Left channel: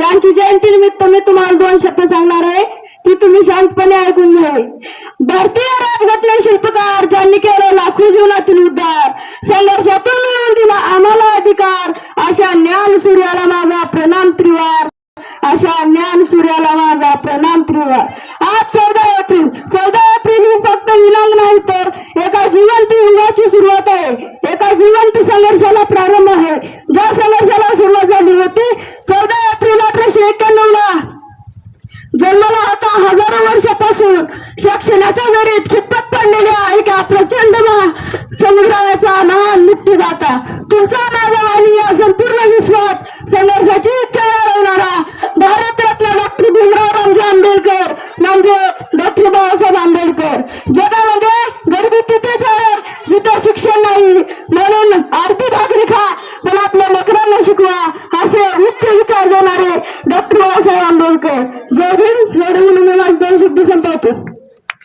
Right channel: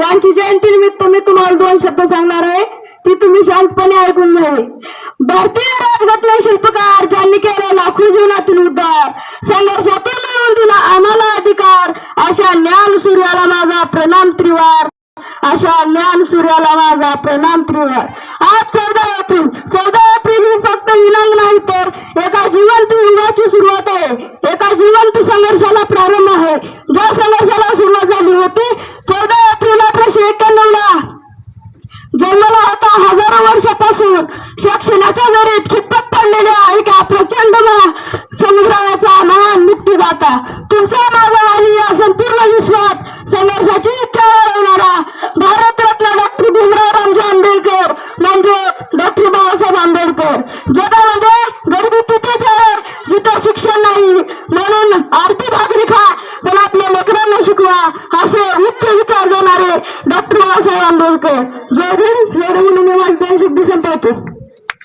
यांची जयंती निमित्त मी तुम्हाला 2 शब्द सांगणार आहे, ती तुम्ही शांतपणे ऐकून घ्यावी। भारतीय राज्यघटना शिल्पकार ज्यांनी केला लाखो जीवनातील उद्धार, संघर्षातून मिळवून दिला आम्हाला अधिकार, अशा ज्ञान सूर्याला माझा प्रणाम त्रिवार, अशा ज्ञान सूर्याला माझा प्रणाम त्रिवार। आज 14 एप्रिल ही फक्त विनंती नाही तर एका जिवंत युगाची सुरुवात आहे, एका जिवंत संघर्षाला प्रारंभ आहे। ज्या संघर्षाला सुरुवात झाली होती 14 एप्रिल 1891 ला जन्मला होता, हजारो वर्षापासून शिक्षणाच्या दरीत खितपत पडलेल्या एका प्रचंड समुद्राचा महान मुक्तीदाता, तुमचा माझा आणि या संपूर्ण विश्वात संघर्षाची इच्छा वाढवणारा भारतरत्न डॉक्टर भीमराव रामजी आंबेडकर म्हणजेच डॉक्टर बाबासाहेब आंबेडकर। जगामध्ये गरिबी तिथेच आहे जिथे शिक्षण नाही, म्हणून अर्धी भाकरी खा पण आपल्या लेकरांना शिकवा, असे उच्च विचार देणारे डॉक्टर बाबासाहेब आंबेडकर।